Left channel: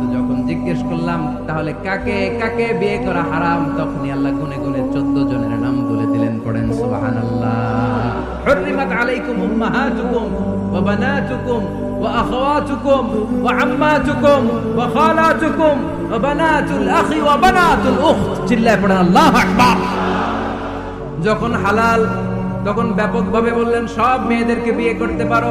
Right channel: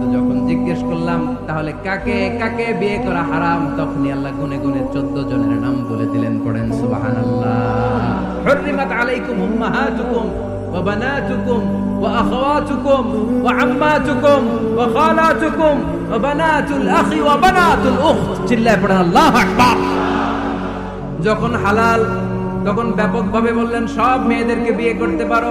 কিন্তু যখন জিজ্ঞেস করলাম, তাহলে কাকে কাকে বিয়ে করা হারাম? তখনই আল্লাহ গুনে গুনে চোদ্দ জনের নাম বলে দিলেন, পড়েন সুবাহান আল্লাহ আলাইকুম আখি চিল্লায় পড়েন আকবার! যখন হালাল, তখন ব্যাপকভাবে বললেন, সব মেয়েদেরকে বিয়ে করতে পারো।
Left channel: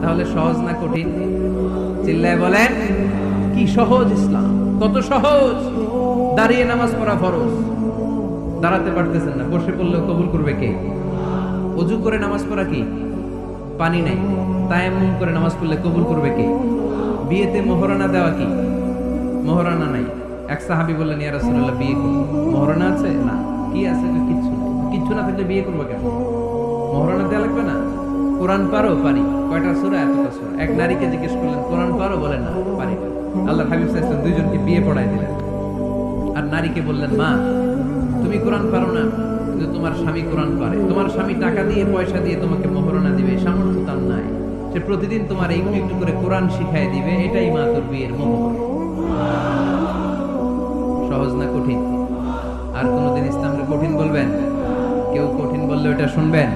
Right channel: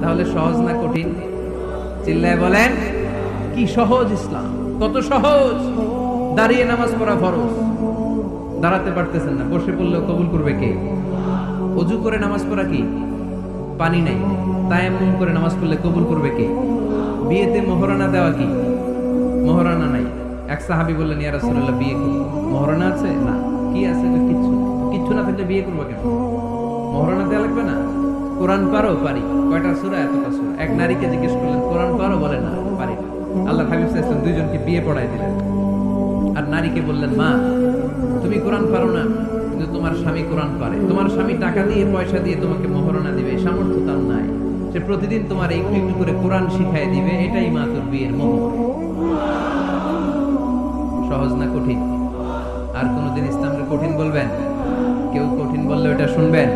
তাহলে সহজ না কঠিন? চিল্লায় বলেন, কি সহজ ইসলাম? কত সহজ? দাঁড়িয়ে নামাজ পড়া ফরজ। দাঁড়াতে পারতেছেন না, বসে পড়লেও কবুল করবে কে? অজু করে নামাজ পড়া কি? পানি নাই। তাই তায়াম্মুম করে নামাজ পড়লে কবুল করবে কে? বিয়েতে মহরানা দেওয়া কি? মহরানা নাই। এক সাহাবি বললেন, ইয়া রাসূলুল্লাহ, বিয়ে করব মহরানা আছে? না। কি আছে? কিচ্ছু কিচ্ছু না থাকলে বিয়ে করব কেন? মহরানা দেওয়া লাগবে না? কোরআন পারো? পারি। কয়টা সূরা? এতটা সূরা। এক নারীকে জিজ্ঞেস করলেন, কোরআন পারো? বলে, না, পারি না। আল্লাহ হাবিব ওয়াসাল্লাম দুইজনকে বিয়ে পড়াই দিলেন। আর নারীকে বললেন, মা, তুমি কোরআন পারো না, কিন্তু তোমার স্বামী কোরআন পারে। তোমার স্বামী টাকা দিয়ে, পয়সা দিয়ে তোমাকে মোহরণা দিবে, সামর্থ্য তার নাই। সে প্রতিদিন তোমার একটু একটু করে কোরআন শিখাই দিবে, এটাই মা তোর বিয়ের মোহর সহজ না কঠিন? আর কোনোদিন ইসলামকে কঠিন বলবেন? কেউ কঠিন বললে ওটা শুনবেন?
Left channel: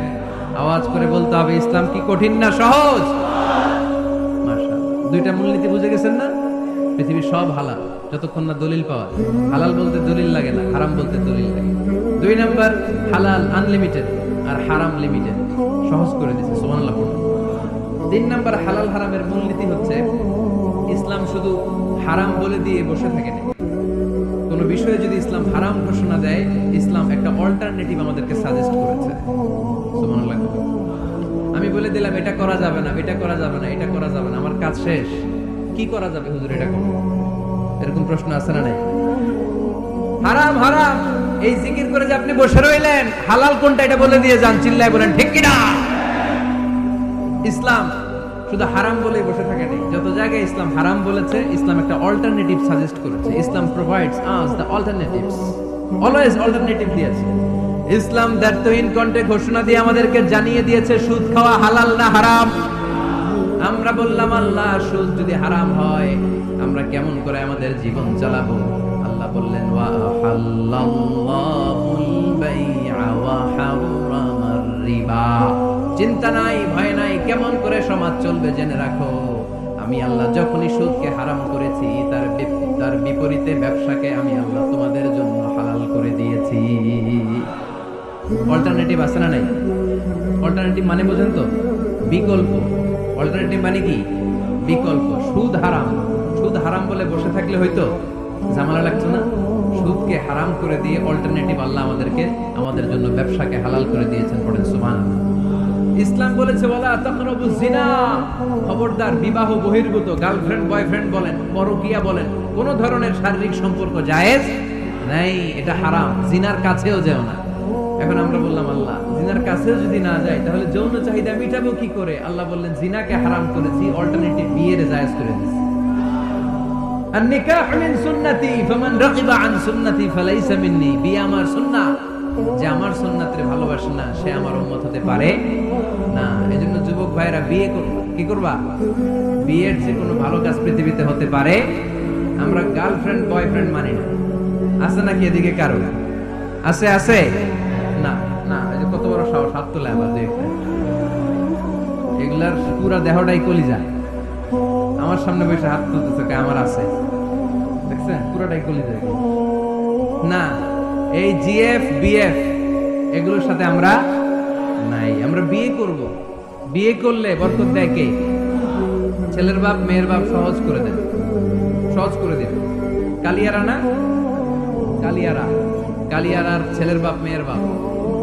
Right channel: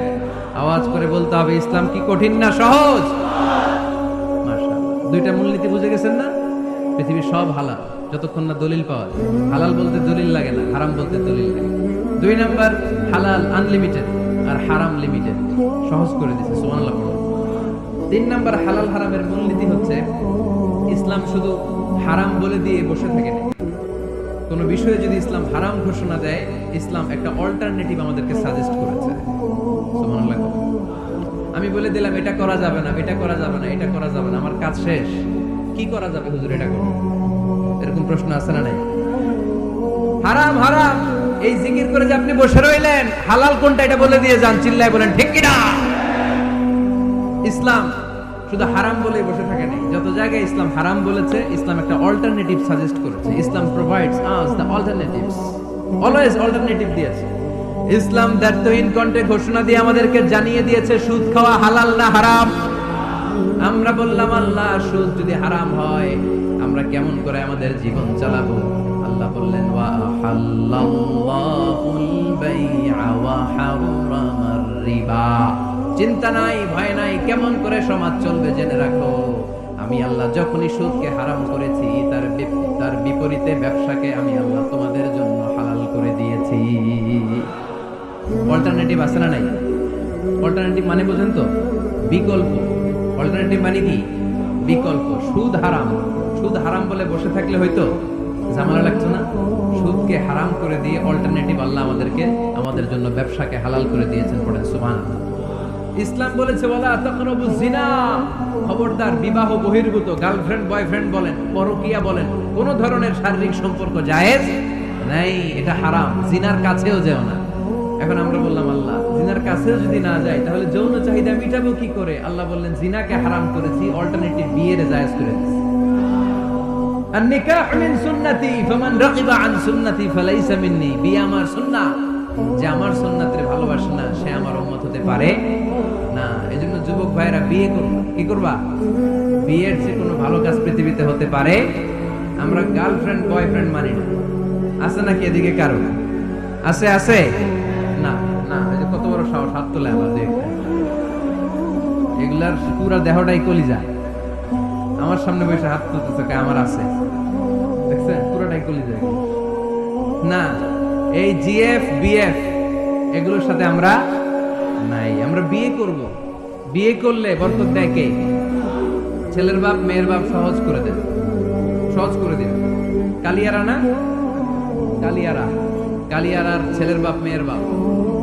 আওয়াজ করে বলতে হবে, ইসলাম কি কঠিন না সহজ? দুইটা মূলনীতি বুঝে গেছেন না? পৃথিবীর সব হালাল, যতক্ষণ না দলিল পাওয়া যায়। হালাল বলতে দলিল লাগে না, হারাম বলতে দলিল লাগে। দুই নাম্বার, হালাল আনলিমিটেড আর হারাম লিমিটেড সহজ করে দিছে পড়ো তিন নাম্বার, হালাল হারামের মূলনীতি হচ্ছে, ইসলাম শুধু হারাম বলে দিয়ে বসে থাকে না। কোনো বিষয়ে যদি ইসলাম হারাম ঘোষণা দেয়, ইসলাম একটা অল্টারনেটিভ আমাদেরকে সাজেস্ট করেছে। আমি বলে দিলাম, এটা করা যাবে না, এটা করা যাবে না, এটা করা যাবে না, আমার কাজ শেষ। কি করা যাবে হুজুর এটা করো এরকম প্রশ্ন আছে না নাই? হারাম হারাম। এই জিকির করে যে আপনি বসে রইলেন, হালাল কোনটা এটা বলে দিয়ে যান, চিল্লায় বলেন, ঠিক কিনা? ইসলাম শুধু হারাম বলেই বসে থাকে নেই। যত জায়গায় ইসলাম হারাম বলেছে, ইসলাম একটা অল্টারনেটিভ সাজেস্ট করেছে। Islam provides us the alternatives always alternative দিয়েছে। ইসলাম দ্ব্যর্থহীন কণ্ঠে ঘোষণা দিয়ে আমাদেরকে জানিয়ে দিয়েছে, সুদ খাওয়া হালাল না হারাম? আমরা বললাম, আল্লাহ, সুদ যদি হারাম হয়, আমরা কেমন করে আমাদের জীবন চালাবো? আল্লাহ বললেন চিন্তা নাই, ভয় নাই, কেমন করে সমাজ চলবে জেনে রাখো। আমি আল্লাহ যখনই সুদকে হারাম করেছি, তার তার বিপরীতে ব্যবসাকে আমি আল্লাহ তোমাদের জন্য হালাল করে দিয়েছি। অল্টারনেটিভ আছে না নাই? অল্টারনেটিভ মানে বোঝেন তো? বিকল্প। অল্টারনেটিভ মানে কি? বিকল্প। সুদ হারাম। সুদ হারাম বলে বসে থাকলে হয়তো ঝামেলা লাগতো না? সুদকে হারাম করে দিয়ে অল্টারনেটিভ আল্লাহ আমাদেরকে, আমাদের জন্য ব্যবসাকে হালাল করে দিয়েছেন পড়েন সুবহান ইসলাম বলেছে বলা তাকরাবু জিনা খবরদার, বিবাহ বহির্ভূত গার্লফ্রেন্ড বয়ফ্রেন্ড বলেন, পরকিয়া বলেন, কোন ধরনের শারীরিক সম্পর্ক জায়েজ নাই, এটা হারাম। জিনার কাছেও যেও না। এখন আমরা বললাম, আল্লাহ, জিনার কাছেও যদি না যায় তাহলে যৌন চাহিদা মিটাবো কি করে? আল্লাহ বললেন, জিনাকে হারাম করেছি অল্টারনেটিভ বিয়ের জায়েজ করে আর নিকাহ মিন সুন্নতি আমার সুন্নাহ। যে আমার না, সে আমার উম্মত হতে পারে না। এজন্য যুবক ভাইরা বিয়ে করবা। কি করবা? বিয়ের যে কোনো ভালো কাজ পৃথিবীতে হতে পারে, আমরা গার্লফ্রেন্ড, বয়ফ্রেন্ড মানি না। আছে নাকি এদিকে কারও? আছে আছে? না না যে কত বড় সাহস একটা। এগুলার দেহটাই কলিজা। আমার সামনে বসে হাত তুলতেছে আমার আছে। দেখছেন? পুরোটাই কলিজা এগুলো। না, এই জিএফ, বিএফ, এগুলোর সাথে আমরা নাই। আমরা বিয়ে করব। বিয়ে করলে বরকত দেয় কে? ছেলের বাপ, মেয়ের বাপ সহজ করে দেবে। সহজ করে দেবে। কালিয়ারা না? কালিয়ারা। কালিয়ারার ছেলের বাপ, মেয়ের বাপ।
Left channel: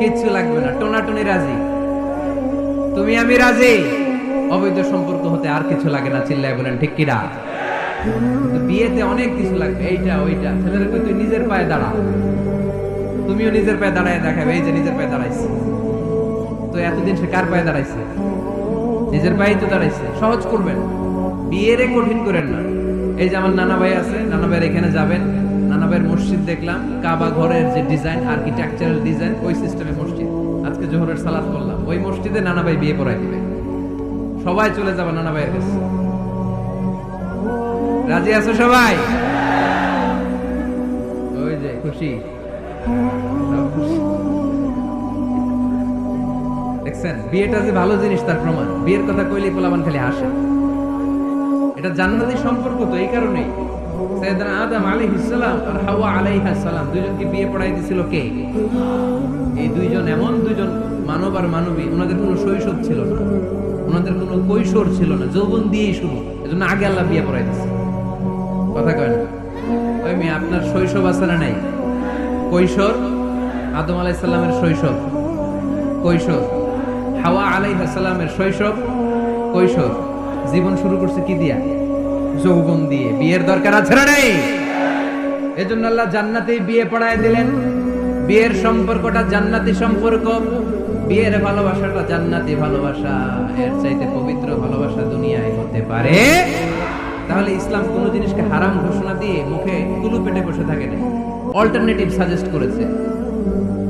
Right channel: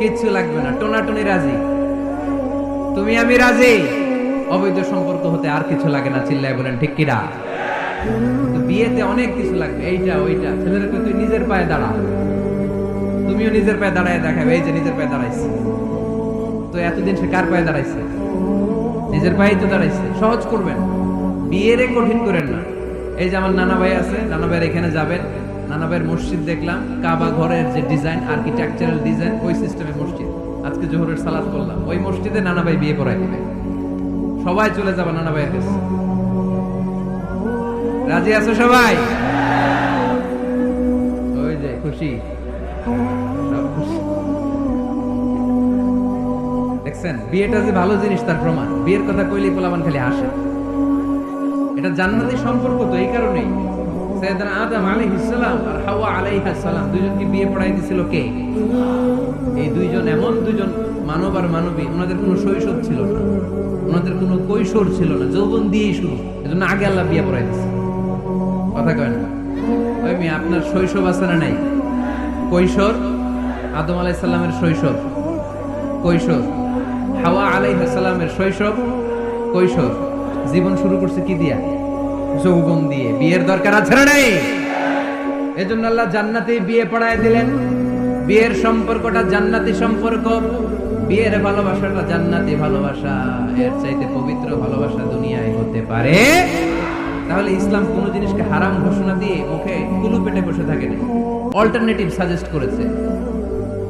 কিচ্ছু লাগবে না। টোনাটুনি রাজি? তুমি, আমি রাজি? অবৈধ সম্পর্ক হতে আর কিছু লাগে না, চিল্লায় বলেন, ঠিক কিন্তু বিয়েতে অনেক কিছু লাগবে, এইটা, ওইটা। ছেলেদেরকে তুই নিজের পায়ে দাঁড়া। তুমিও নিজের পায়ে দাঁড়ায় দেখাবে, এই যে নিজের পায়ে দাঁড়াইছে। তো এতদিন সে কার পায়ে দাঁড়াইছে? নিজের পায়েই তো দাঁড়াইছে। সহজ করবেন। বিয়েরে কঠিন করেন না। এই যে আমার নানা ভাই আছে, নানা ভাইয়ের এখানে যাবেন। নানা মসজিদ দেখলাম, কাবা ঘরের যে ডিজাইন আর্কিটেকচারাল ডিজাইন ওই সিস্টেমের মসজিদ। আজকে জোহরের সালাদ করলাম ওই মসজিদে নানা ভাই বিয়ে পড়াই দিবে। সবাই চলে যাবে নানা ভাইয়ের কাছে। রাজি আছো সবাই? ওই যে, খুশি? সব খুশি। দেখছেন? বিয়েটা যে ভালো জিনিস, তার প্রমাণ। বিয়ের কথা কইলেই পোলাবান খালি আসে এটা জান্নাতি সম্পর্ক তো, এই কারণেই। আদম আর হাওয়া দুইজনকে বিয়ে পড়াই দিছিল কে? এই দুইজন এমন দুইজন মানব আর মানবী, ওনাদের কোনো শৈশব ছিল না। ওনাদের কোনো কৈশোর ছিল না, যৌবন দিয়েই শুরু। এজন্য আগে আল্লাহ বিয়ে পড়াই দিছে। কথা কয় না? ওই মেয়ে, আপনার শৈশব আছে না নাই? কৈশোর, আদম আলাইসাল্লামের শৈশব। কৈশোর, হাওয়া আলাইসাল্লামের শৈশব। কৈশোর, জীবন শুরু করছে কি দিয়া? যৌবন দিয়ে। বিয়ের দরকার আছে না নাই? এজন্য আল্লাহ জান্নাতে বিয়ে পড়ায় দিলেন। বিয়ের সম্পর্কটা জান্নাতি সম্পর্ক, বিয়ের ভালোবাসাটা জান্নাতি ভালোবাসা। এর চাইতে পবিত্র ভালোবাসা দুনিয়ায় হতে পারে। তাহলে ইসলাম কোন জিনিসকে হারাম ঘোষণা দিয়ে মুখে কুলু পেটে বসে থাকে না অল্টারনেটিভ সাজেস্ট করেছে।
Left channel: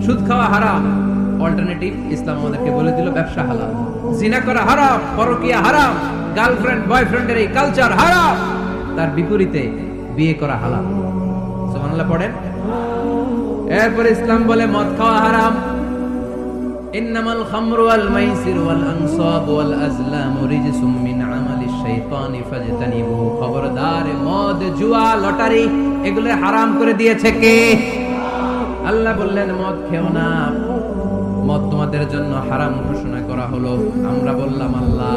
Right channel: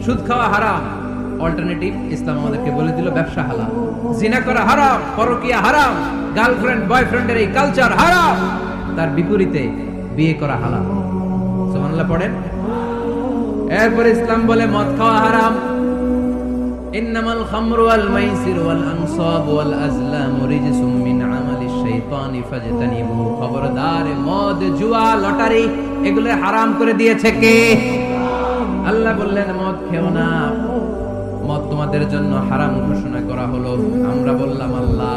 সুদ খাওয়া হারাম। অল্টারনেটিভ ইসলাম আমাদেরকে বলে দিল, ব্যবসা হালাল। জিনা করা হারাম, পরকিয়া হারাম গার্লফ্রেন্ড বয়ফ্রেন্ডের এই কালচার হারাম, তার বিপরীতে বিয়ে করা হালাল। সুবহানাল্লাহ, পড়েন। এরপর ইসলাম বলে, মদ খাওয়া হারাম। ইন্নামাল খামরু ওয়াল মাইসির ওয়াল আনসাব ওয়াল আজলামু রিজসুম মিন আমালিশ শাইতানি ফাজতানিবু। খবরদার, মদ, জুয়া, লটারি, এগুলো হারাম করে দিয়েছে কে? আল্লাহ বললেন, মদ খেও না। মদ তোমাদের জন্য হারাম ঘোষণা করা হলো। আমরা বললাম, আল্লাহ,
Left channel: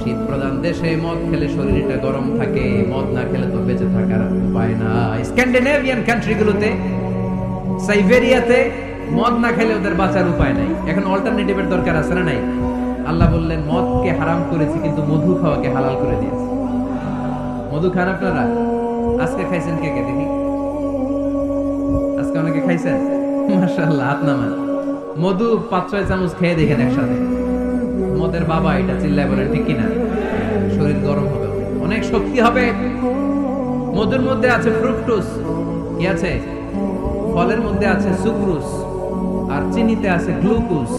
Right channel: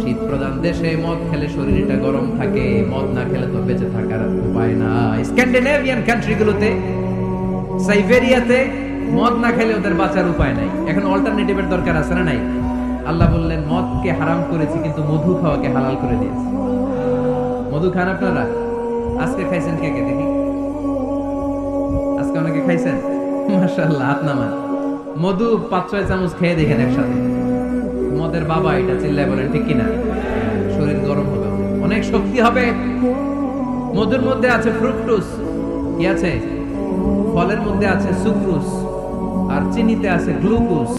শীত প্রধান দেশে মদ খেলে শরীরটা গরম থাকে, মদ না খেলে তো বেঁচে থাকার উপায় না। স্ক্যান্ডিনেভিয়ান কান্ট্রিগুলোতে সাইবেরিয়াতে মদ না খেলে ওদের বাঁচার উপায় নাই। এখন অল্টারনেটিভের দরকার আছে না নাই? আল্লাহ বললেন, মদকে হারাম করেছি, কিন্তু মধু খাওয়াকে হালাল করে দিয়েছি। মধু খান আপনারা? আজকে খাইছেন কে কে দেখি? আজকে অনেকে খাইছেন? মাশাআল্লাহ, হাত নামান। মধু পাঁচ ছয় চামচ খেয়ে দেখেন একসাথে। মদের বাবা এটা চিল্লায় বলেন, ঠিক কিনা? শরীর গরম হবে অনেক। শক্তি হবে। মধুর মধ্যে আছে ফ্রুকটুস কি আছে? ফলের মধ্যে আছে সুক্রুস আর চিনিতে আছে গ্লুকোজ।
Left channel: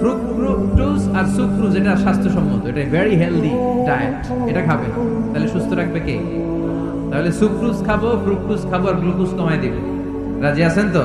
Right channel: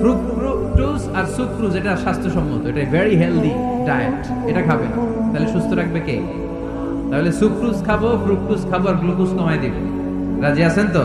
ফ্রুক্টোজ আর সুক্রুজ, এটা স্বাস্থ্যসম্মত। এটা ভেরি হেলদি ডায়েট এটা খাবেন। তাহলে সুস্থ রাখবে কে? তাহলে সুক্রুজ খাব, ফ্রুক্টোজ খাব আর গ্লুকোজ কমাই দিব। রাজি আছেন তো?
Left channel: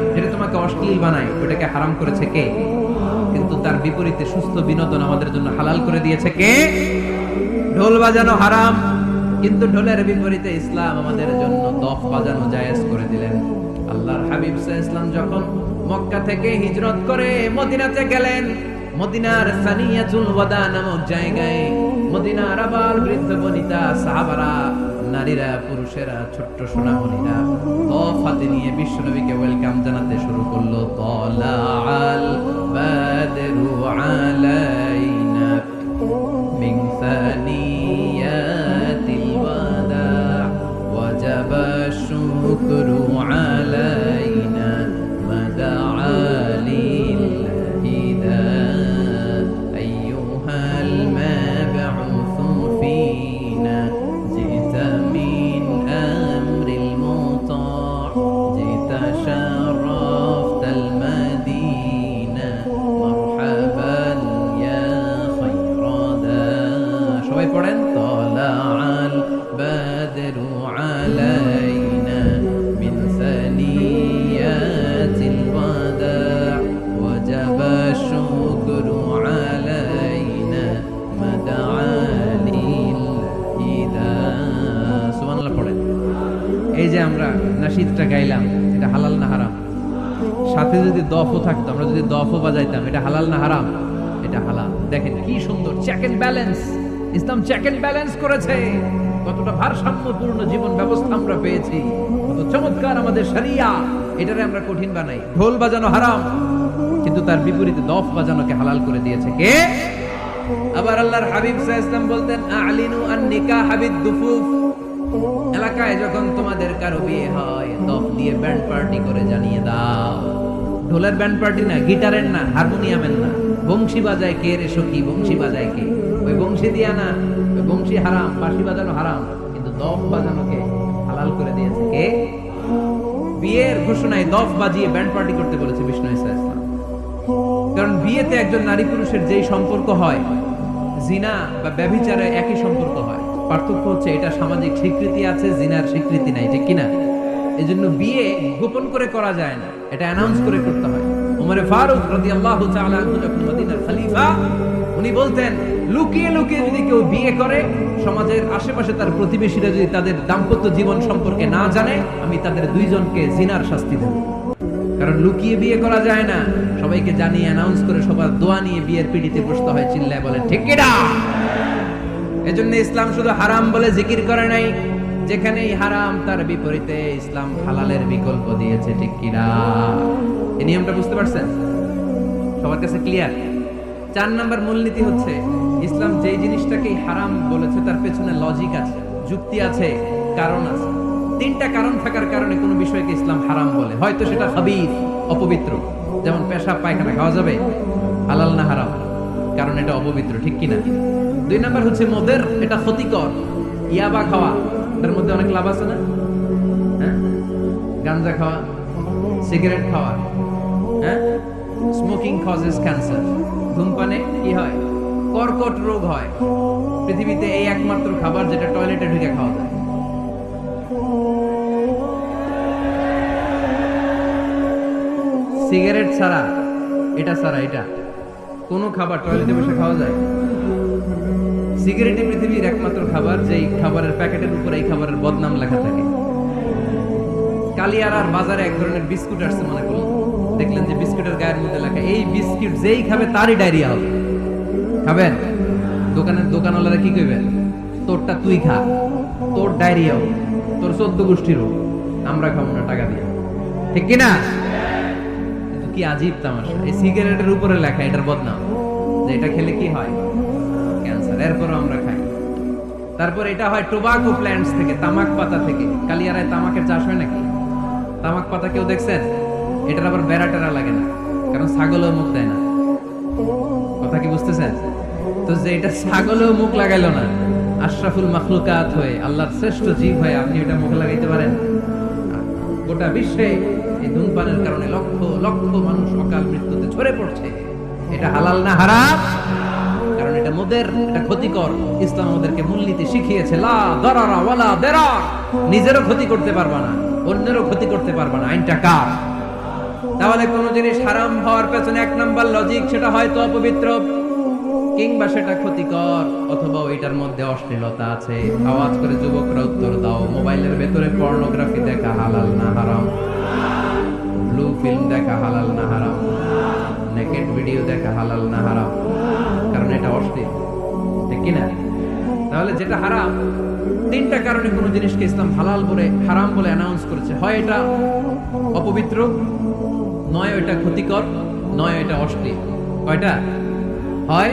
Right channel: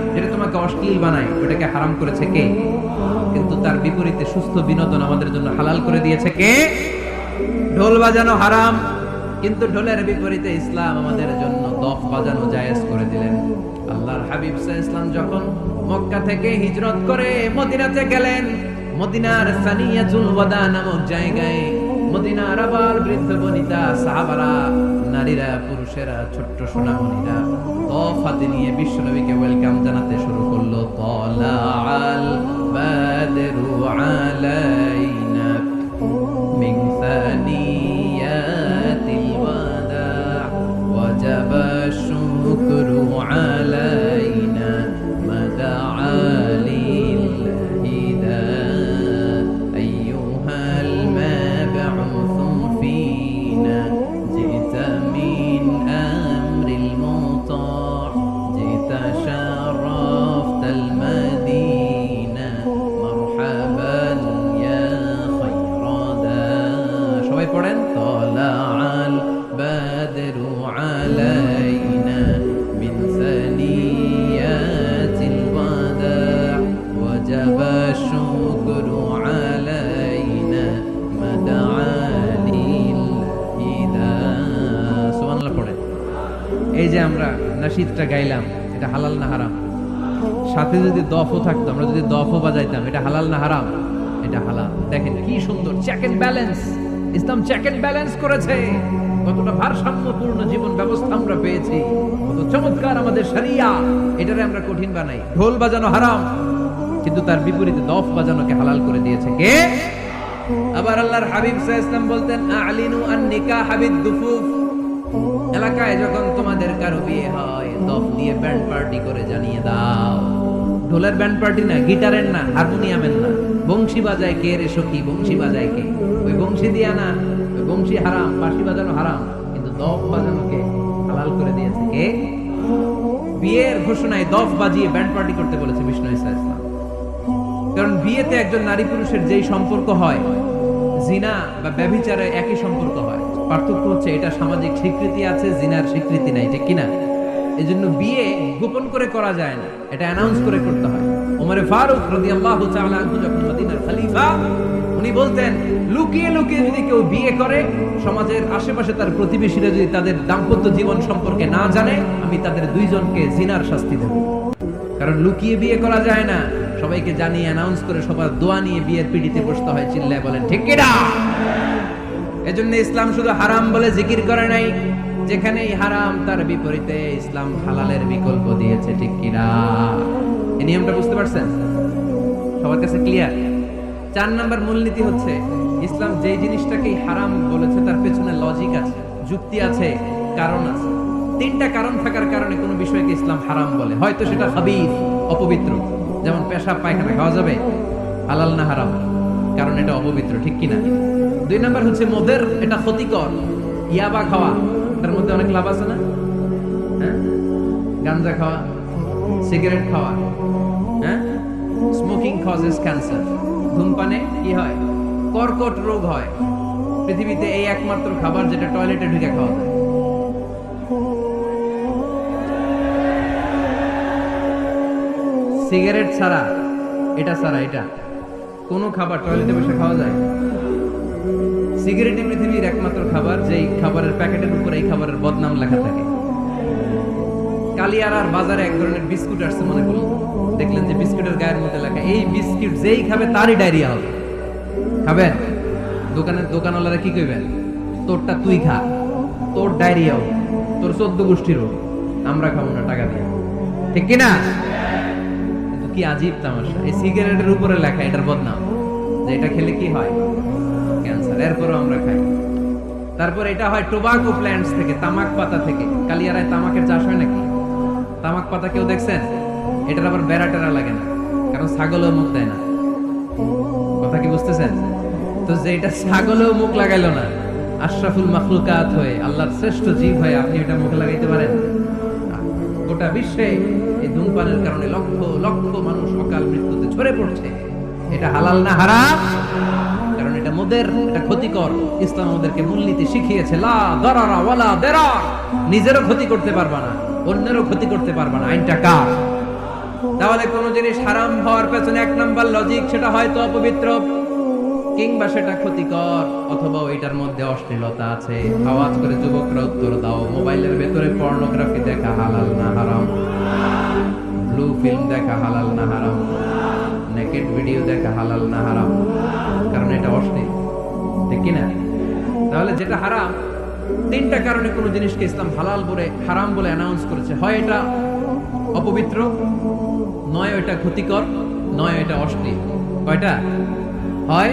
যেটা তোমাকে অশ্লীল বানায়। ওটাকে হারাম করেছে কে? কিন্তু তার বিপরীতে সুস্থ বিনোদন আমাদের জন্য হালাল করে দিয়েছে কে? ঢোল বাজানো হারাম। কিন্তু ঢোলের বিপরীতে ইসলাম আমাদের জন্য দফ বাজানো জায়েজ করে দিলেন। আল্লাহর হাবিব ইসলাম যখন মক্কা থেকে হিজরত করে মদিনাতে গেলেন, মদিনার সানিয়াতুল ওয়াদা নামক জায়গায় মদিনার আবার বৃদ্ধ বনিতা সাহাবারা, নারীরা, পুরুষেরা, ছোট্ট সোনামণিরা তফাতে নিয়ে বিশ্ব নবীকে ওয়েলকাম জানাতে শুরু করল তলা আল বাদরু আলাইনা মিংসানি এই যে আমরা নাশিদটা গাইলাম, এটা হালাল না হারাম? সাথে যদি দফও থাকতো, আমরা যদি দফও বাজাইতাম, এটা হালাল না হারাম? এটা হালাল। দেখেন কি সুন্দর চেক এন্ড ব্যালেন্স ইসলাম চেক এন্ড ব্যালেন্স করেছে। কতটা ভারসাম্যপূর্ণ জীবন ব্যবস্থা আমরা পেয়েছি। কত চমৎকার আমাদের শরিয়া। এটারে আমরা কঠিন বানাই। ঢোল বাজানো হারাম। কিন্তু তার বিপরীতে দফ বাজানোকে হালাল করে দিয়েছে কে? আবার আল্লাহর হাবিব আলাইহি ওয়াসাল্লাম বলতেন, আলিনু আন নিকাহ হাবিদ দুফুফ এলাকায় যখন তোমাদের কারও বিয়ে হয় দফ দিয়ে ব্যান্ড পার্টি করে জানিয়ে দাও। ঢোলের ব্যান্ড পার্টি না, গিটারের না, হারমোনিয়ামের না। বংশী বাজায় কে রে সখী, বংশী বাজায় কে? ওই বংশী দিয়া না, ওই বংশী হারাম, বাঁশি বাজানো হারাম। কিন্তু দফ বাজানোকে হালাল করে দিয়েছে কে? বিয়ের ঘোষণায় দফ বাজিয়ে ব্যান্ড পার্টি করতে বলেছে বিষ্ণু ইসা ইসলাম। কারণ বিয়েতে একজন নারী পুরুষের যেই সম্পর্ক হয় জিনা বা ব্যভিচারে একই সম্পর্ক হয়। পার্থক্য হচ্ছে এটা সামাজিক স্বীকৃতি আছে, জিনার স্বীকৃতি নাই, ঠিক কিনা? এই জন্য বিয়ে গোপন করে করা যায় না, এটা অ্যানাউন্স করে করতে হয়। ফারুক তাআলা আনহু যখন মদিনার খলিফা, উনি বলতেন, লুকিয়ে লুকিয়ে যদি কেউ বিয়ে করে, সমাজের আশেপাশে তার প্রতিবেশীরা যদি তাদের দাম্পত্য জীবন সম্পর্কে না জানে, আমি তাদের দুইজনকে জিনার শাস্তি দেব। কারণ লুকিয়ে বিয়ে করা যায় না। সবাইকে জানিয়ে অ্যানাউন্স করে সবার দোয়া নিয়ে বিয়ের পিড়িতে বসতে হয়, চিল্লায় বলেন, ঠিক কিনা এজন্য ইসলাম শুধু হারাম বলে জিকির করে নাই। যেখানেই হারাম, তার বিপরীতে ইসলাম হালালের বিকল্প দিয়েছে, ঠিক কিনা এই নিয়মটা বুঝতে পারছেন? সবার কাছে ক্লিয়ার চার নাম্বার মূলনীতি হচ্ছে, ইসলাম যেই জিনিসটাকেই হারাম বলেছে, তার পেছনে লজিক আছে, যুক্তি আছে, কারণ আছে। তিনটা কারণ থাকার কারণে কোনো বিষয়কে ইসলাম হারাম বলে। হয়তো সেটা হাবিব অপবিত্র। যেমন পেশাব, পায়খানা খাওয়া যাবে, হালাল না হারাম? কারণ এটা অপবিত্র, ঠিক কিনা? দুই নাম্বার হচ্ছে মদের, এটা ক্ষতিকর। ইয়াবা খাওয়া, এটার মধ্যে অনেক লাভ আছে না? হ্যাঁ? গাঞ্জা খাওয়া, সিগারেট খাওয়া হ্যাঁ? স্মোকিং কজেস ক্যান্সার ধূমপানে কি হয়? কর্কট রোগ হয়। পৃথিবীতে এই একমাত্র খাবার যেটা টয়লেটে ঢুকে খাওয়া যায়। সিগারেট ছাড়া, এটা ছাড়া, এটা। কোনো খাবার টয়লেটে বসে খাওয়া যায়? সিগারেটই পৃথিবীর একমাত্র খাবার, যেই খাবারের প্যাকেটের উপর এই খাবারের বদনাম লেখা থাকে। কালিয়ারার বাজারে এক ধরনের বিস্কুট আসছে মনে করলেন দেখলেন যে বিস্কুটের গায়ের মধ্যে লেখা, এই বিস্কুট যেই খাবে তারই ডায়রিয়া হবে। খাবেন? দোকানের দোকানওয়ালারা কি কইবেন? তোরটা তুই খা। তোর ডায়রিয়া হোক, তোর চোদ্দ গোষ্ঠীর হোক, আমরা খাব না, টাকা দিয়ে। ঠিক কি না কিন্তু কি আজীব তামাশা। এই সিগারেটের উপরে লেখা এটার বদনাম, যে এটা খেলে কি হয়? ক্যান্সার এরপরও আমরা খাই। তারপর এটা হয় টোবাকো প্ল্যান্টস থেকে, তামাক পাতা থেকে। কালিয়ারায় তামাকের চাষ হয় নাকি? তামাক পাতা কেউ দেখছেন? এটার আবার বেড়া টেরা লাগে না, কারণ ছাগলও মুখ দেয় না। কথা কি বুঝতেছেন? তো যে এটা ছাগলেও মুখ লাগাইলো না, আশরাফুল মাখলুকাত হয়ে, আল্লাহর শ্রেষ্ঠ জীব হয়ে আপনি এটা মুখে লাগাইতে পারেন? গোটা বিশ্বে এই ধূমপানের কারণে লক্ষ লক্ষ মানুষ অকাল মৃত্যুতে ঝরে পড়ছে। এটা হালাল না হারাম? কারণ এটা মোদের এটা ক্ষতিকর। ইসলাম আমাদেরকে মূলনীতি শিখিয়েছে, লা নিজেরও ক্ষতি করতে পারবা না, অন্যেরও ক্ষতি করতে পারবা না। আইনটা কার? তাহলে কোন জিনিস হারাম হওয়ার পেছনে এক নাম্বার লজিক সেটা হয়তো অপবিত্র, কিংবা সেটা ক্ষতিকর, অথবা ওইটার মধ্যে অশ্লীলতা আছে। আওয়াজ করে যুবকরা উত্তর দাও, মোবাইলের ভেতরে পর্নোগ্রাফি দেখা হালাল না হারাম? ব্লু ফিল্ম দেখা হালাল না হারাম নেকেট ভিডিও দেখা হালাল না হারাম, কারণ এটা অশ্লীল ঠিক কিনা? তাহলে যেটা হারাম, তিনটা কারণে কোনো জিনিসকে ইসলাম হালাল বলে, হারাম বলে অ্যানাউন্স করেছে। হয় এটা অপবিত্র, নয় এটা ক্ষতিকর, নয় এটা অশ্লীল কয়টা? হয়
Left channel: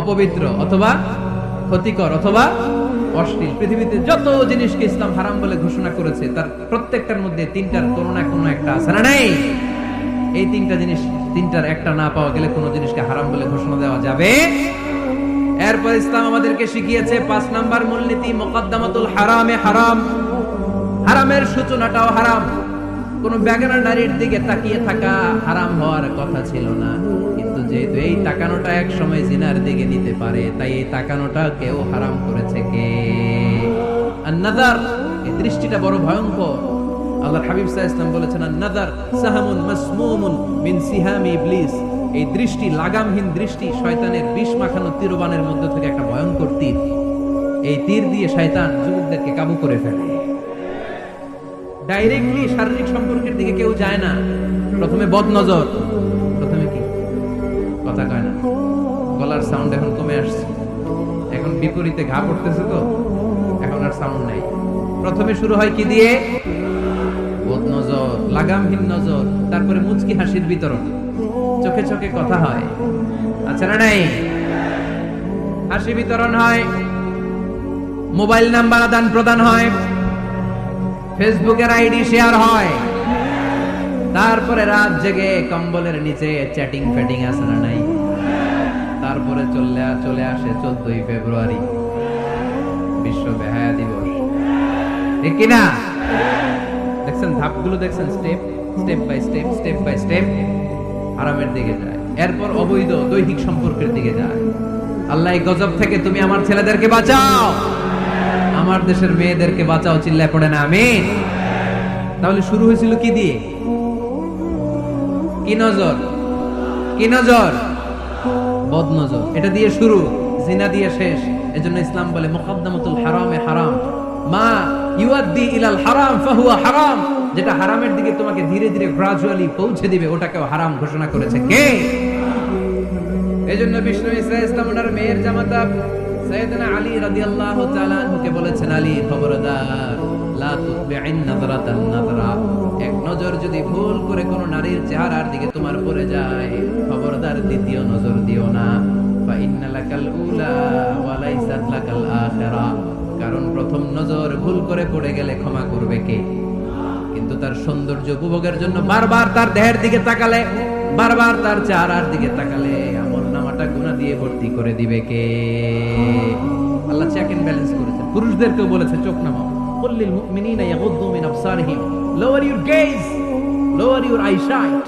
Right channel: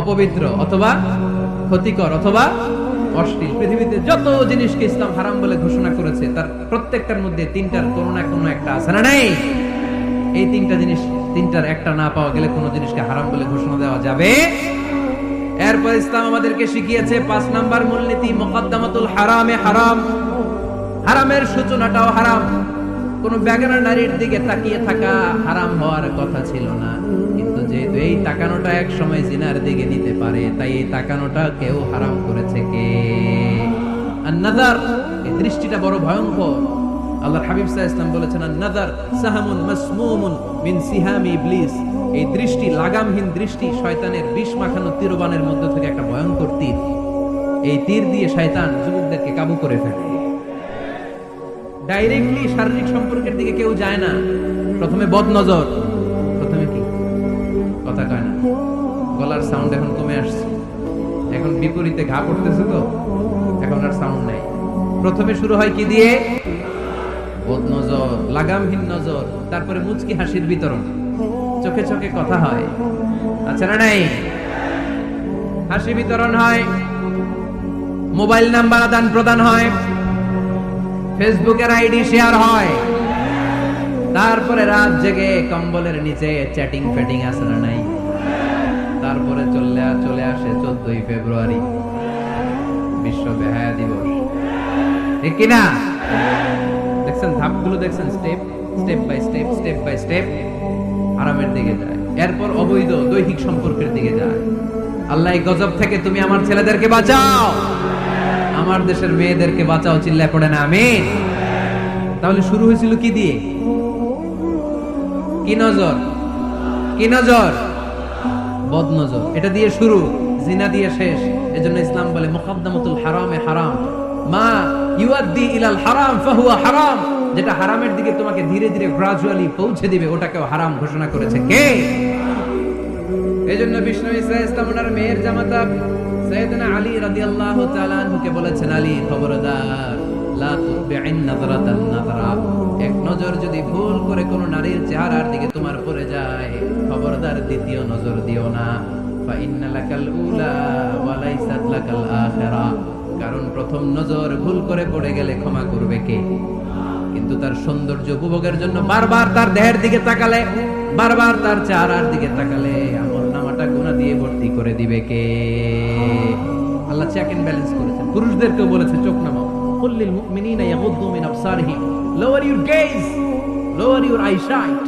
অপবিত্র অথবা ক্ষতিকর অথবা অশ্লীল। পৃথিবীতে যত জিনিসকে ইসলাম হারাম বলে ঘোষণা করেছে, তার প্রত্যেকটার মধ্যে তিনটার কোনো না কোনো একটা আছে না নাই? এই তিনটা জিনিস, তিনটার একটা না পাওয়া গেলে কোনো জিনিসকে হারাম বলে ঘোষণা দেওয়া যাবে? এরপর ইসলাম আমাদেরকে শিখিয়েছে, পাঁচ নাম্বার মূলনীতি, মোকদ্দমাতুল হারামে হারাম। হারামের সূচনাটাও হারাম। কোন বেগানা নারীর দিকে তাকিয়ে থাকা হারাম হওয়ার কথা ছিল না। কিন্তু যেহেতু এই তাকানোটা এক সময় জিনার দিকে নিতে পারে, তাই এই তাকানোটা কেউ হারাম করেছে কে? এই দৃষ্টিটা বড় ভয়ঙ্কর। আল্লাহর হাবিব সাহা ইসলাম বলেছেন আর নাদার সাহামুন মাসমুমুন মিন সিহামি ইবলিস। এই দৃষ্টি, লাগামহীন দৃষ্টি শয়তানের বিষ মাখানো তীরবানের মধ্যে থেকে একটা ভয়ঙ্কর তীর। এই তীর দিয়ে শয়তান যুবকদেরকে কাবু করে ফেলে। ডাইরেক্টলি শারীরিক সম্পর্কের দিকে কেউ যায় না। প্রথমে বদ সাউন্ড এখন কমে আসছে। এখন বিপরীতে ঘা পড়তেছে তো, এখন আর সাউন্ড নাই। প্রথমে শুরু হয় কি দিয়ে? লাগামহীন নজর, তারপরে মুচকি হাসির বিতরণ। চোখে চোখে কথা হয় আচ্ছা না নাই? হাসি বিতরণ হয়, মোবাইল নাম্বার আদান প্রদান হয়, ফেসবুকের আইডি শেয়ার হয়, তারপরে রাত জেগে কম্বলের নিচে চ্যাটিং ফ্যাটিং আছে না নাই? তারপরে চলে চলে আসে চোদ্দই ফেব্রুয়ারি। বিশ্ব বেহায়া দিবস। কিনা দেখছেন, ধাপগুলো দেখছেন step step by step step by step আরামের দিকে যায়। এরপর অবৈধ দৈহিক সম্পর্কের দিকে যায়। আল্লাহ এই গজব থেকে তুমি আমার ছেলেদেরকে বাঁচাও। আমার দেশের মেয়েদেরকে বাঁচাও, চিল্লায় পড়ে না, আমিন। তাহলে শুরু হয়েছিল কি দিয়ে? কি নজর? কি নজর? বদ নজর এটা দিয়ে শুরু, জিনা দিয়ে শেষ। এজন্য ইসলাম বলে, মুকদ্দামাতুল হারামে হারাম। মা ইউআদ্দি ইলাল হারাম ফাহুয়া হারাম। যেটা হারামের দিকে তোমাকে ধীরে ধীরে গ্রাজুয়ালি পৌঁছে দিবে, ওটাকেও হারাম ঘোষণা করেছে। কে? এজন্য বিষ্ণু ইসা ইসলাম ওনার মেয়ের জামাতা সৈয়দনা আলী রাদিয়াল্লাহু তাআলা আনহুকে বলেছেন, আলী খবরদার, লা তুতবি'ইন নাযরাতান নাযরা। এক নজর যদি ভুল করে কোনো নারীর চেহারার দিকে তোমার পড়ে যায়, খবরদার দ্বিতীয় নজর দিও না। কারণ প্রথম নজর ভুল করে পড়ে গেলে ক্ষমা করবে কে? কিন্তু তার সৌন্দর্য উপভোগের জন্য বারবার তার দেহের দিকে তাকালে, বারবার তার চেহারার দিকে তাকালে আমল নামাটা গুণা দিয়ে ভর্তি করে দিবে কে? আল্লাহ চেক এন্ড ব্যালেন্স করেছেন। পুরুষদেরকেও বলেছে, চোখ নামাও। কুল্লিল মুমিনিনা ইয়াগুদ্দু মিন আবসারিহিম। Lower your gaze lower your eyesight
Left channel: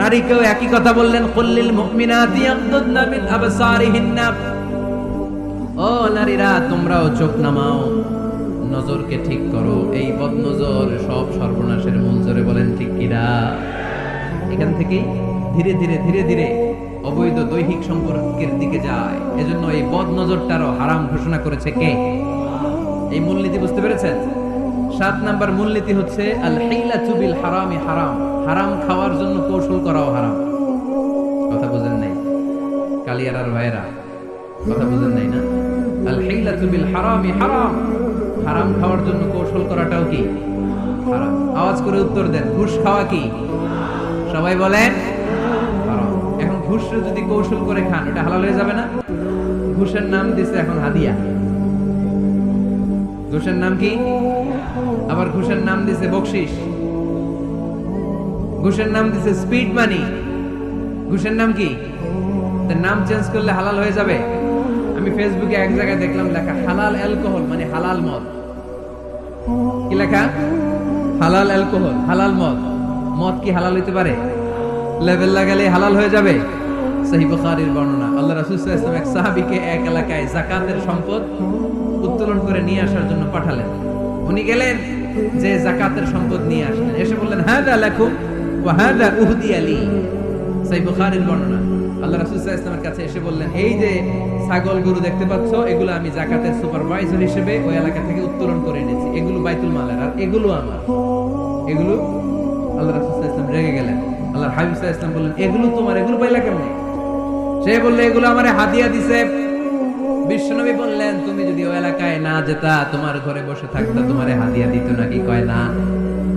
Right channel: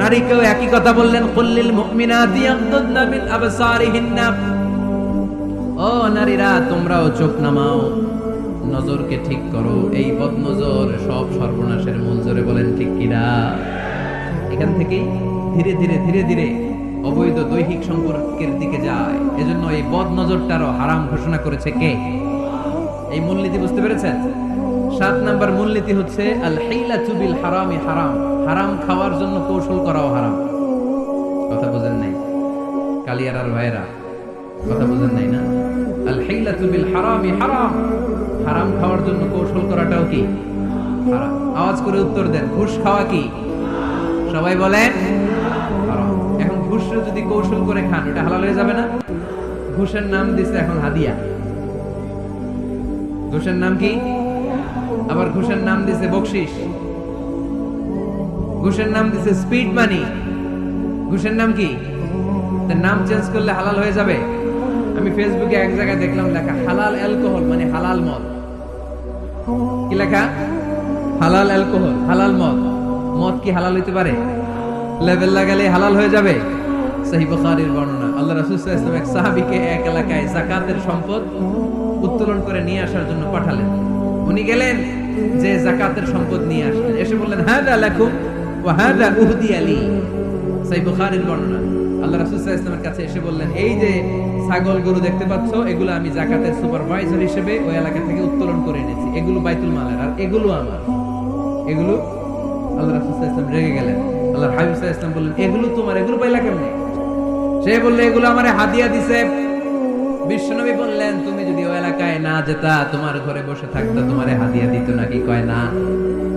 নারীকেও একই কথা বললেন, কুল্লিল মুমিনাতি ইয়াগুদ্দুনা মিন আবসারিহিন্না। ও নারীরা, তোমরাও চোখ নামাও। নজরকে ঠিক করো। এই বদ নজর সব সর্বনাশের মূল জোরে বলেন, ঠিক কিনা এখান থেকেই ধীরে ধীরে ধীরে ধীরে অবৈধ দৈহিক সম্পর্কের দিকে যায়। এজন্য এই বদ নজরটারও হারাম ঘোষণা করেছে কে? এই মূলনীতি বুঝতে পেরেছেন? সাত নাম্বার মূলনীতি হচ্ছে হারামি। হারাম খাওয়ার জন্য কৌশল করাও হারাম। কথা বোঝেন নাই? কালিয়ারার ভাইরা কথা বুঝেন নাই না? আওয়াজ করে উত্তর দেন, ঘুষ খাওয়া কি? সবাই যদি কৌশল করে খান, ওটা যাবে না? ঘুষের নাম দিছে এখন হাদিয়া। ঘুষের নাম কি? আবার ঘুষের নাম দিছে বকশিস। ঘুষের নাম দিছে স্পিড মানি। ঘুষের নাম কি? তার নাম চেঞ্জ করলে হালাল হয়ে যাবে। আমি ফেসবুকে এক জায়গায় দেখলাম লেখা, হালাল অ্যালকোহল মানে হালাল মদ। কি লেখা? হালাল অ্যালকোহল হালাল মদ। মদ কি হালাল হইতে পারে? লেভেল লাগালে হালাল হয়ে যাবে। বর্ণনা। আল্লাহ রাসূল এক সাহাবীকে এক এলাকায় যাকাতের সম্পদ উত্তোলন করে নিয়ে আসার জন্য পাঠালেন। উনি গেলেন যে যাকাতের সম্পদ নিয়ে আসলেন। এসে বললেন, হাদা লাকুম ওয়া হাদা উহদি আলী সহি বুখারীর বর্ণনা। আল্লাহ রাসূল সাল্লাল্লাহু আলাইহি কাছে এসে বললেন, এই যে ছাগল গরু দেখতে পাচ্ছ, এগুলো আমি যাকাতের সুপারভাইজার হিসেবে ওই এলাকা থেকে উত্তোলন করে এনেছি। এগুলো বাইতুল মালের, আর এগুলো আমার। এগুলো আল্লাহ রাসূল সাল্লাল্লাহু আলাইহি রেগে গেলেন। আল্লাহর হাবিব সাল্লাল্লাহু আলাইহি বললেন, এগুলো তোমার, এগুলো পাইলা কেমনে? সে বললে, এগুলো আমারে হাদিয়া দিছে বিশ্বনবী বললেন, তুমি যদি ওই এলাকায় না যেতা, তোমার ঘরে বসে থাকতা, তোমারে হাদিয়া দিত নাকি কয় না?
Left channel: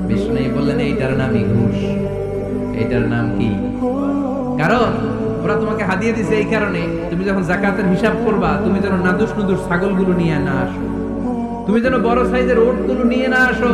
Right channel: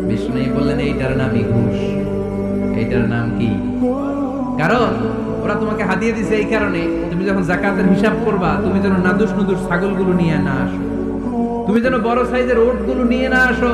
বিশ্বনবী বললেন, এইটার নামই ঘুষ এইটার নাম কি? কারণ, ওরা তোমাকে হাদিয়া দিছে এই কারণে, তুমি যখন জাকাতের হিসাব করবা, তুমি যেন নাদুস নুদুস ছাগলগুলো নিয়ে না আসো। তুমি যেন বড় সাইজের ওটগুলো নিয়ে না আসো।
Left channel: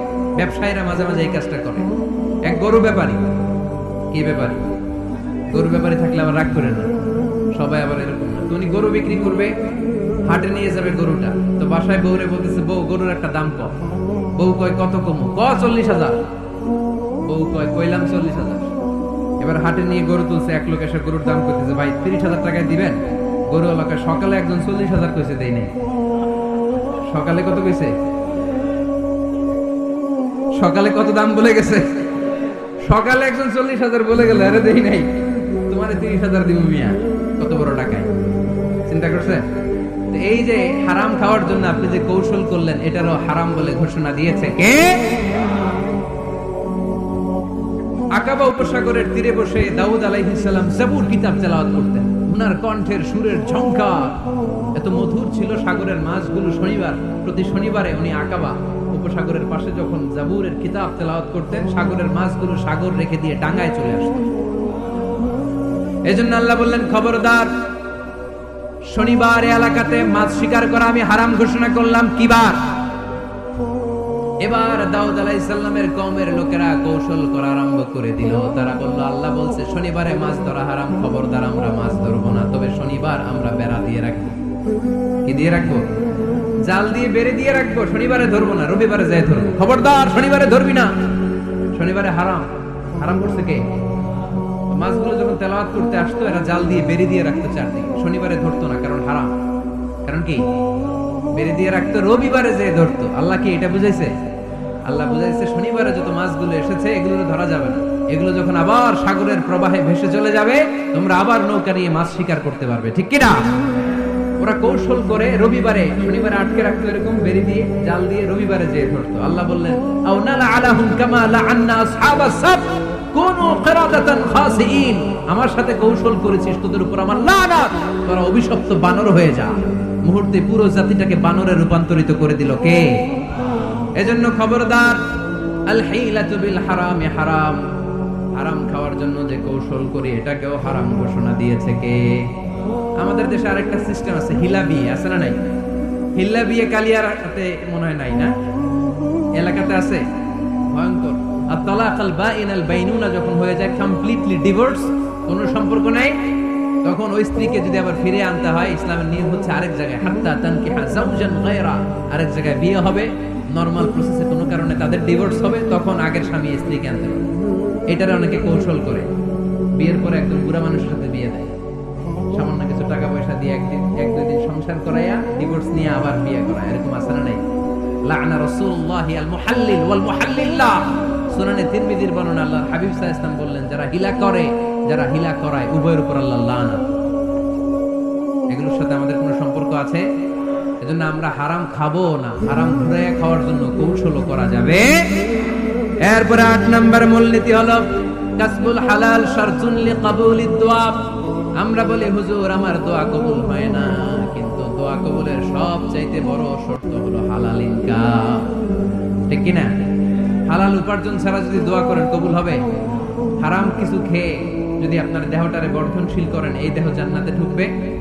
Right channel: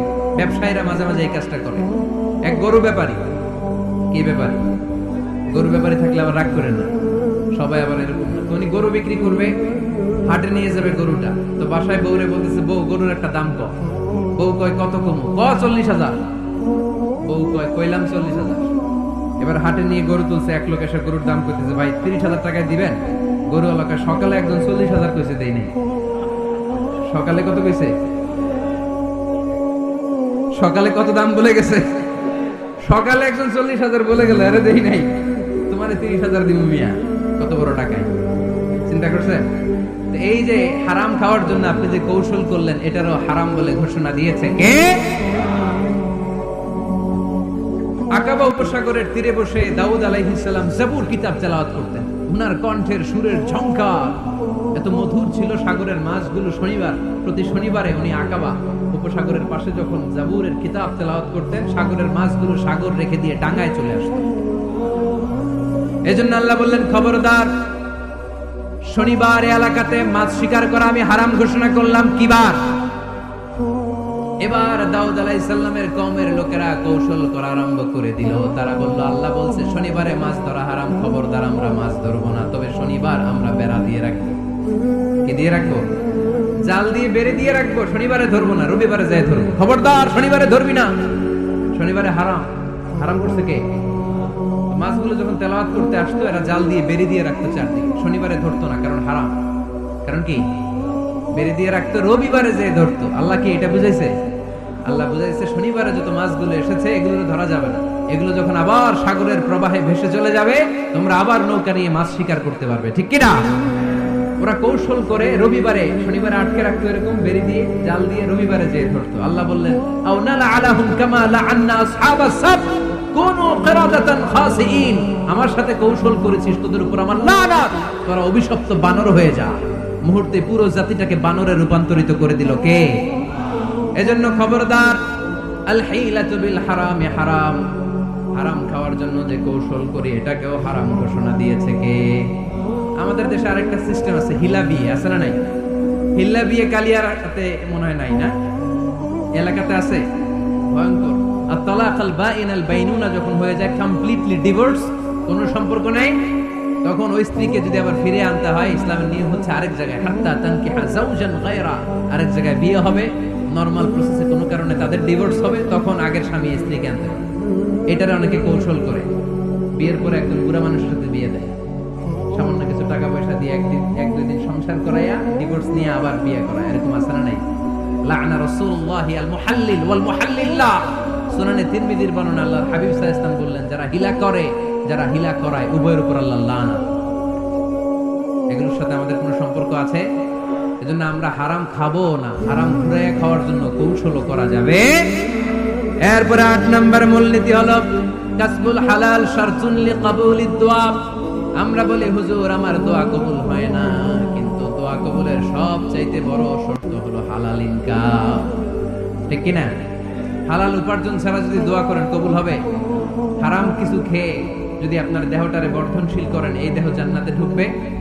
ব্যবসায়ীরা মাঝে মাঝে এই কাজটা করে। এক গরু ব্যাপারী। কি ব্যাপারী? গরু ব্যাপারী থাকলে আবার রাগ করেন না। সবাই আবার এরকম না। তো উনি গরু বিক্রি করবে, হাটে নিয়ে যাবে গরুটা। তো বাসায় বউরে বলতেছে, বউ, গরুর একটা দাম ক। বউ কয়, কত কমু? ক, চল্লিশ হাজার। বউ কয়, কইলাম চল্লিশ হাজার। এবার হাটে নিয়ে গরু তুলছে, এক লোক এসে গরুর দাম করতেছে ভাই, তিরিশ হাজার টাকায় দিবেন? গরু এলাকায় সকালে একজন চল্লিশ হাজার কইছে, দেই নাই। সকালে কত কইছে? সকালে কত দাম বলে গেছে? সকালে একজন চল্লিশ হাজার বলে গেল, আরে দেই নাই। তোমার তিরিশ হাজার দিব মিয়া, কত বড় টাকায়? চিন্তা করছেন তো এই যে হারাম খাওয়ার জন্য আপনি যে কৌশল করলেন, এটারও হারাম বলে ঘোষণা দিয়েছে কে? আকাবা উপসাগরের তীরে বসে দাউদ আলাইহিসাল্লাম জাবুর কিতাব তেলাওয়াত করতেন। উনার কণ্ঠের সুরের ঝংকার। এত মধুর ছিল সাগরের মাছগুলো শনিবার, প্রতি শনিবারে উনি আকাবা উপসাগরের পাশে যখন জাবুরের কিতাব তেলাওয়াত করতেন, সাগরের মাছগুলো সাগর রেখে দিয়ে ডাঙ্গায় চলে আসতো। এজন্য আল্লাহ বললেন, খবরদার, শনিবার এলাকাতে মাছ শিকার করা আমি হারাম ঘোষণা করলাম। কিবার এবার দাউদ আলাইসাল্লামের কমের লোকেরা কৌশল করা আরম্ভ করে দিল। তারা বলল, আল্লাহ বলছে, শনিবারে মাছ ধরা হারাম, খবরদার, আমরা মাছ ধরবো না। তবে শনিবার আমরা বেড়া দিয়ে রাখব। কি দিয়ে রাখব? জাল দিয়ে বেড়ে দিয়ে রাখব, শনিবারে ধরবো না, রবিবারে যাই ধরবো। খবরদার, শনিবারে ধরবি না। শনিবারে হারাম। হারাম করছে কে? মাছগুলো যখন তেলাওয়াত করতে আসতো, এরা জাল দিয়ে বেড়ে দিয়ে রাখতো চারদিকে। শনিবারে ধরতো না, কারণ হারাম। কারণ কি? বেড়ে দিয়ে রাখতো, রবিবারে যে ধরতো। আল্লাহ কি এটা বুঝাইছে? আল্লাহ বুঝাইছে, শনিবারে যত মাছগুলো এসেছে এগুলো ধরা যাবে না। এগুলো যখন আবার সাগরের প্রবাহে ভেসে চলে যাবে, তোমরা আবার নৌকা নিয়ে মাছ শিকার করতে পারবে। ঠিক কিনা? ওরা কৌশল করে রবিবারে, শনিবারে আটকে রাখতো এরকম, বেরি দিয়ে, জাল দিয়ে রবিবারে যেয়ে ধরতো। আল্লাহ বললেন আমার সাথে কৌশল করেছিস, তোদের উপর আমার তোরা অভিশপ্ত বানর হয়ে যা। মুহূর্তে পুরো জাতিটাকে বানরে রূপান্তরিত করে দিল কে? এজন্য খবরদার হারামে হারাম। হারাম খাওয়ার জন্য যে কৌশল করি, এটাকেও হারাম ঘোষণা দিয়েছে কে? আমাদের দেশে আরেকটা সিস্টেম আছে হিলা বিয়ে আছে না নাই? হিল্লা বিয়ে কালিয়ার হাতে মনে হয় নাই না? এলাকাতে আছে? ভয়ঙ্কর। আর তলাক আল বাইন আল বাইনুনা যখন হয়ে যায় কমপ্লিটলি ডিভোর্স কোনো সম্পর্ক নেই। তখন ওই স্ত্রীকে যদি আবার ফিরে আনতে হয়, ইসলামের নিয়ম হচ্ছে আরেক জায়গায়, হাত্তা তানকিহা জাওজান গায়রা, আরেক জায়গায় বিয়ে হবে। নরমাল প্রসেসে কোনো কারণে তাদের ডিভোর্স হবে, তখন আগের স্বামী স্ত্রীকে আনতে পারবে। এটারে অনেকে কৌশল করে। বিয়ের পরে একজন বুড়া মানুষের সাথে বিয়ে দেয়। সামান্য কিছু টাকা পয়সা দিয়ে একদিন এক, দুই দিন সংসার করাইয়া ডিভোর্স নিয়ে আবার বিয়ে করায়। এরকম আছে না নাই? লানা আল মুহাল্লিল ওয়াল মুহাল্লিল্লাহ সুনানে তিরমিজির বর্ণনা আল্লাহর হাবিব বললেন, যারা হিলা করে, যারা হিলা করায়, উভয়ের উপর আল্লাহ লানা। এগুলোর সাথে আমাদের কোনো সম্পর্ক আছে? এজন্য আমরা হারাম খাব না। হারাম ঘুরাইয়া খাওয়ার জন্য কৌশলও করা যাবে। এরপরে আট নম্বর মূলনীতি হলো, কাসবুল হালাল শারতুন লিকাবুলিদ দোয়া। আমরা বলি, হুজুর, আমার দোয়া কবুল হয় না। কিন্তু দোয়া কবুলের সব চাইতে বড় শর্ত হলো হালাল ইনকাম। ঠিক কিনা? হালাল উপার্জন ছাড়া যদি দোয়া করেন, কবুল হবে? হারাম কিছু খেয়ে যদি আপনার দেহটারে বর্ধনশীল করেন, এই দেহ জান্নাতে ঢুকবে?